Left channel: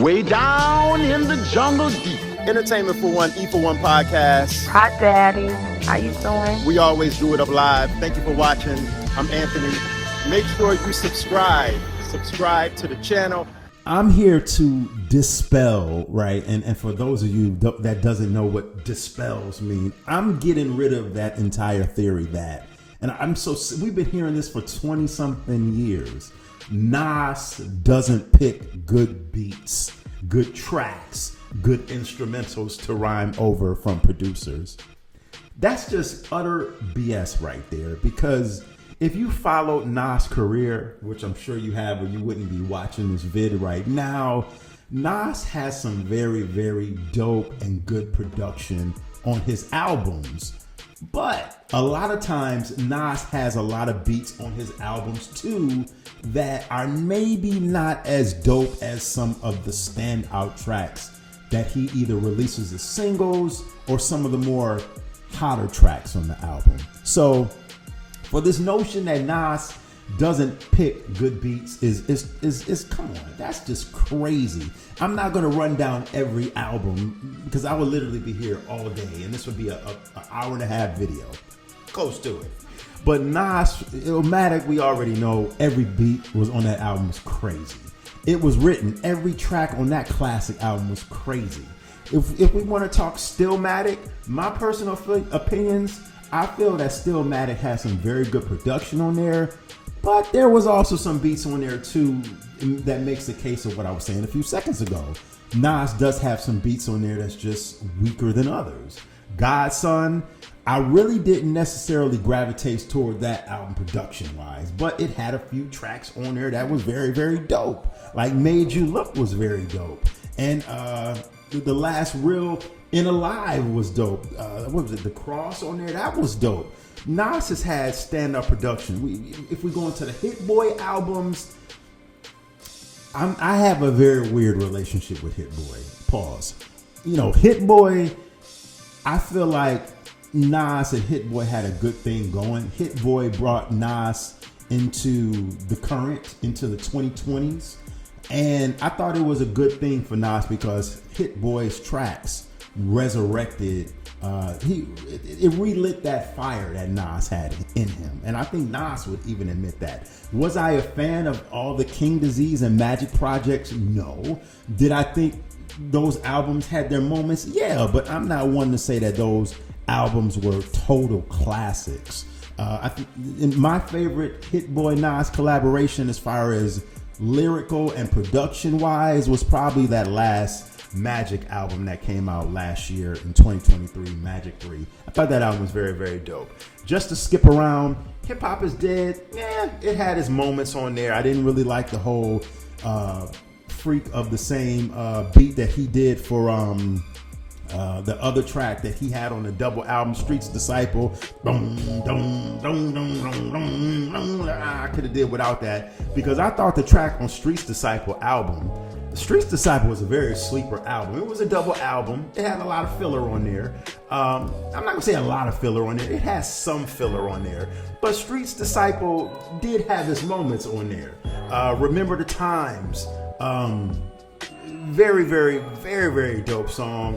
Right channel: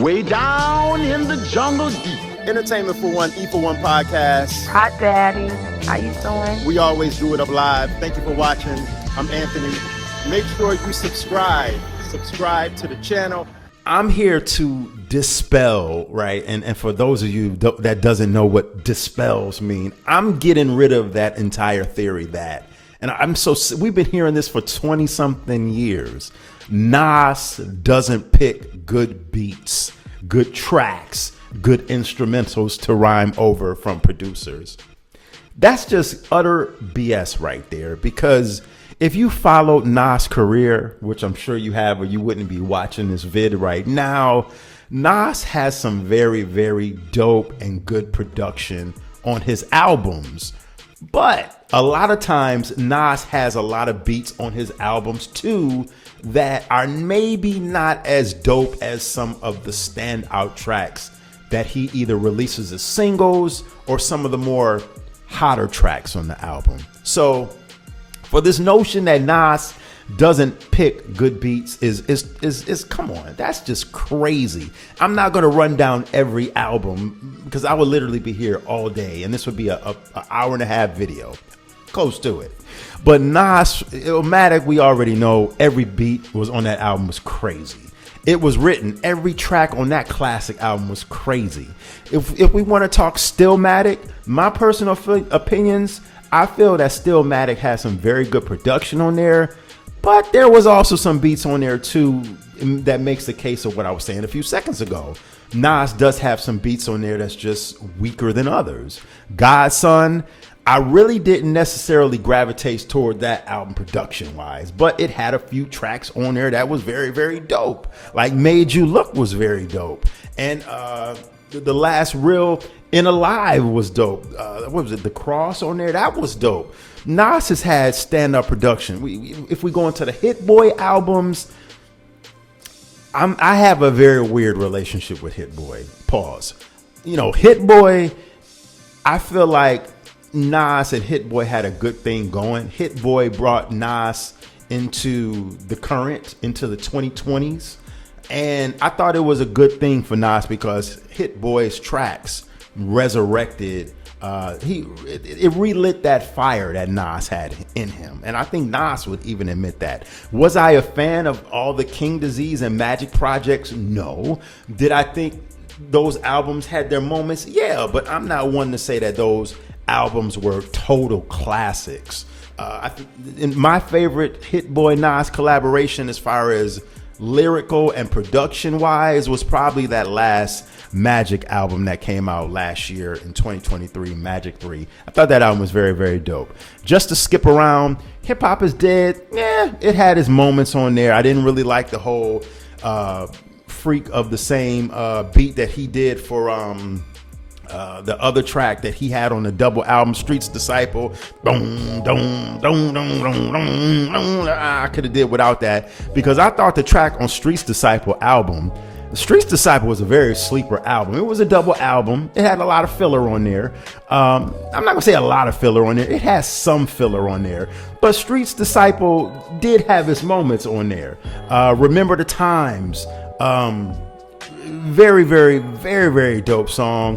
Way down in the jungle deep. Entertainment for One, E for One podcast. Hot Daddy, how you doing? We always do it up live. Thank you for watching. I'm Anthony. Make sure you subscribe. Subscribe to the channel. I'm here to dispel, right? And for those of you that doesn't know what dispels mean, I'm getting rid of that entire theory that, and we've been hearing this for 20 something years. Nas doesn't pick good beats, good tracks, good instrumentals to rhyme over from producers. That's just utter BS right there, because if you followed Nas' career, which I'm sure you have, or you wouldn't be watching this vid right now, Nas has some very, very dope and good production on his albums. But a lot of times, Nas has a lot of beats on his albums too that are maybe not as dope as some of the standout tracks that he either releases as singles or some of the more hotter tracks on the album. So for this notion that Nas doesn't pick good beats is come on, that's just crazy. I'm not gonna run down every album because I would literally be here all day, and this would be an hour and a half video, close to it. But Nas, Illmatic, we already know every beat was on that album was crazy. It was written, every track on that classic album was crazy. If we want to talk Stillmatic, my personal opinions, I feel that Stillmatic has some very good production on there, but there was also some beats on there too that makes the case of what I was saying a few seconds ago. Nas does have some beats on there that's just weaker than others. Godson, I really didn't necessarily gravitate toward that album production-wise, but it had a few tracks on there that was very, very dope. Like Made You Look was very dope. And the last real In Alive was dope. What was it? The Cross on there? That was dope. Nas has had stand-up production. If we go into the Hit Boy albums, I have a very weird relationship with Hit Boy. Pause. You know, Hit Boy, I feel like Nas and Hit Boy had a good thing going. Hit Boy brought Nas into the current, into the 2020s. And I thought it was a good thing for Nas because Hit Boy's tracks resurrected, it relit that fire that Nas had in him. And I think Nas would even admit that. Was I a fan of all the King Disease and Magic projects? No. Did I think those albums had their moments? Yeah, but I'm not one to say that those albums were total classics. My favorite Hit Boy Nas collaboration as far as lyrical and production wise was probably that last Magic album that came out last year in 2023, Magic 3. I thought that album was very, very dope. Just to skip around, Hip Hop Is Dead, it had its moments on there. I didn't really like the whole freak of the same beat that he did for the other track that he had on the double album, Streets Disciple. I could have did without that because I thought the track on Streets Disciple album, Streets Disciple was a very sleeper album. It was a double album. It had a lot of filler on there. I'm not gonna say a lot of filler on there. It has some filler on there, but Streets Disciple did have its moments on there. Remember the Times. Very, very, very, very dope song.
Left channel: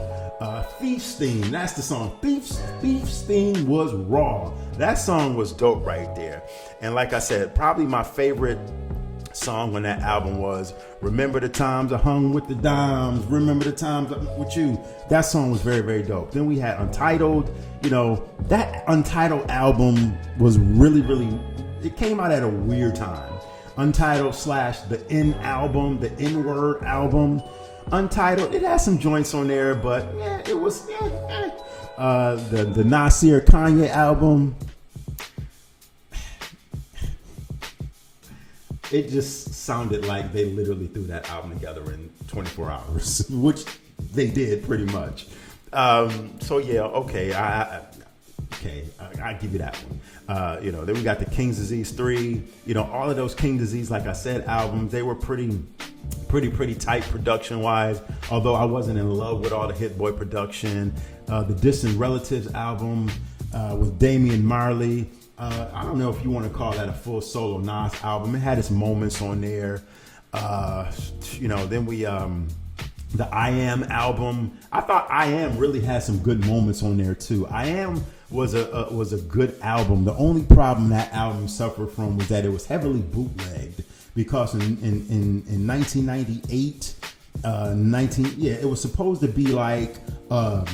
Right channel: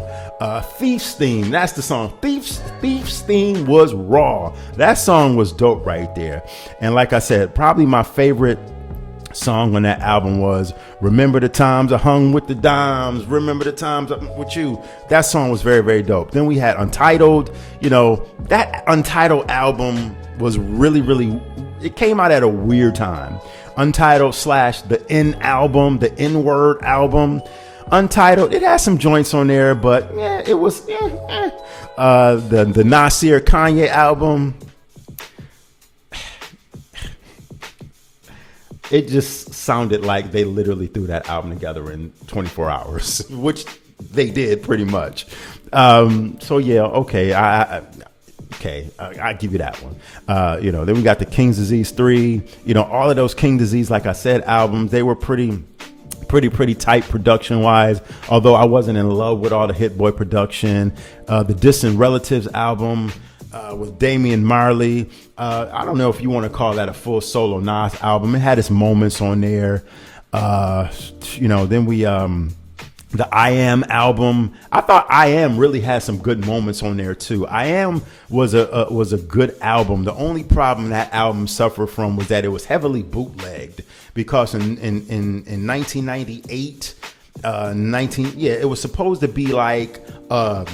Thief's Theme, that's the song. Thief's Theme was raw. That song was dope right there. And like I said, probably my favorite song on that album was Remember the Times I Hung with the Dimes, Remember the Times I'm with You. That song was very, very dope. Then we had Untitled. You know, that Untitled album was really, really, it came out at a weird time. Untitled / the N album, the N-word album. Untitled, it has some joints on there, but it was the Nasir Kanye album. It just sounded like they literally threw that album together in 24 hours, which they did pretty much. So yeah, okay, I give you that one. Then we got the King's Disease 3. All of those King Disease, like I said, albums, they were pretty tight production wise, although I wasn't in love with all the Hit Boy production. The Distant Relatives album with Damian Marley, I don't know if you want to call that a full solo Nas album. It had its moments on there. Then we The I Am album. I thought I Am really had some good moments on there too. I Am was a good album. The only problem that album suffered from was that it was heavily bootlegged, because in 1998, it was supposed to be like a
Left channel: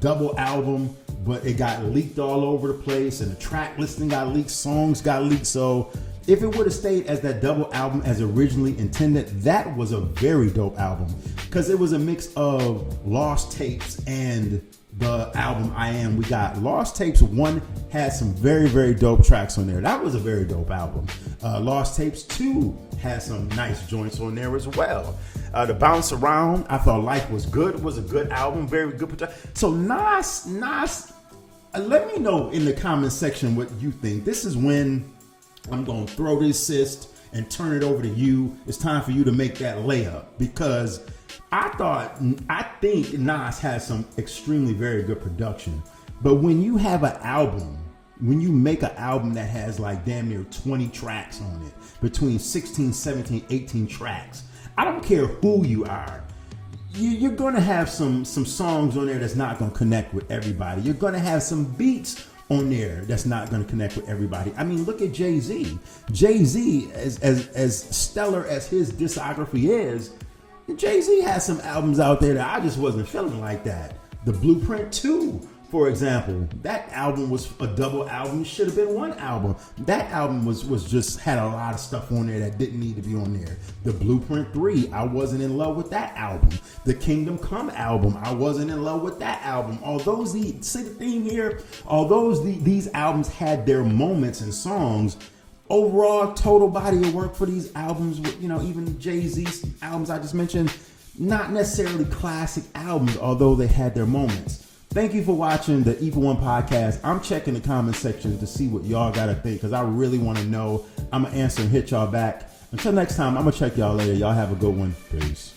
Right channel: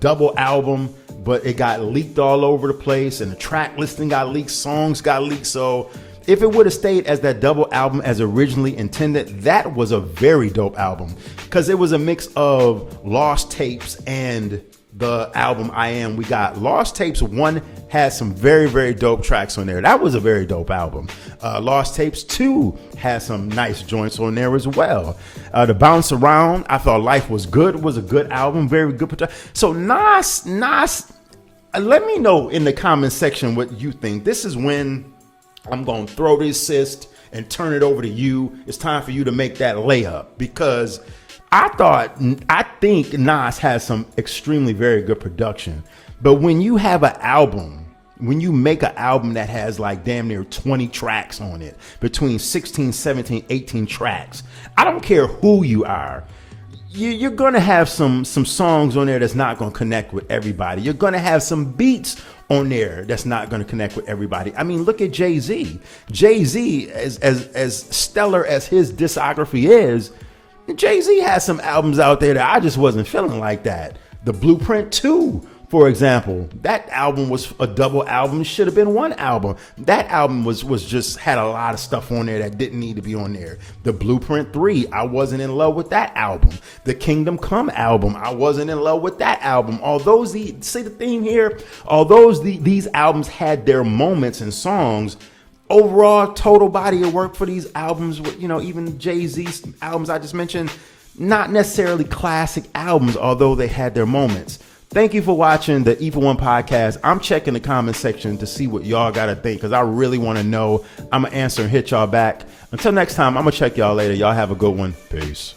double album, but it got leaked all over the place, and the track listing got leaked, songs got leaked. So if it would have stayed as that double album as originally intended, that was a very dope album, because it was a mix of Lost Tapes and the album I Am. We got Lost Tapes 1 had some very, very dope tracks on there. That was a very dope album. Lost Tapes 2 had some nice joints on there as well. The Bounce Around, I thought Life Was Good was a good album, very good. So Nas, let me know in the comment section what you think. This is when I'm going to throw this assist and turn it over to you. It's time for you to make that layup, because I think Nas has some extremely very good production. But when you have an album, when you make an album that has like damn near 20 tracks on it, between 16, 17, 18 tracks, I don't care who you are, you're going to have some songs on there that's not going to connect with everybody. You're going to have some beats on there that's not going to connect with everybody. I mean, look at Jay-Z. Jay-Z, as stellar as his discography is, Jay-Z has some albums out there that I just wasn't feeling like that. The Blueprint 2, for example, that album was a double album. It should have been one album. That album was just had a lot of stuff on there that didn't need to be on there. The Blueprint 3, I wasn't in love with that album. The Kingdom Come album, I wasn't in love with that album. Although see the theme here, although these albums had their moments and songs, overall total body of work for these albums, even Jay-Z's albums I just mentioned, not necessarily classic albums, although they had their moments. Thank you for watching the Evil One podcast. I'm checking the comment section to see what y'all got to think, because I really want to know. I'm going to answer and hit y'all back. Until next time, I'm going to check y'all later. Y'all have a good one. Peace.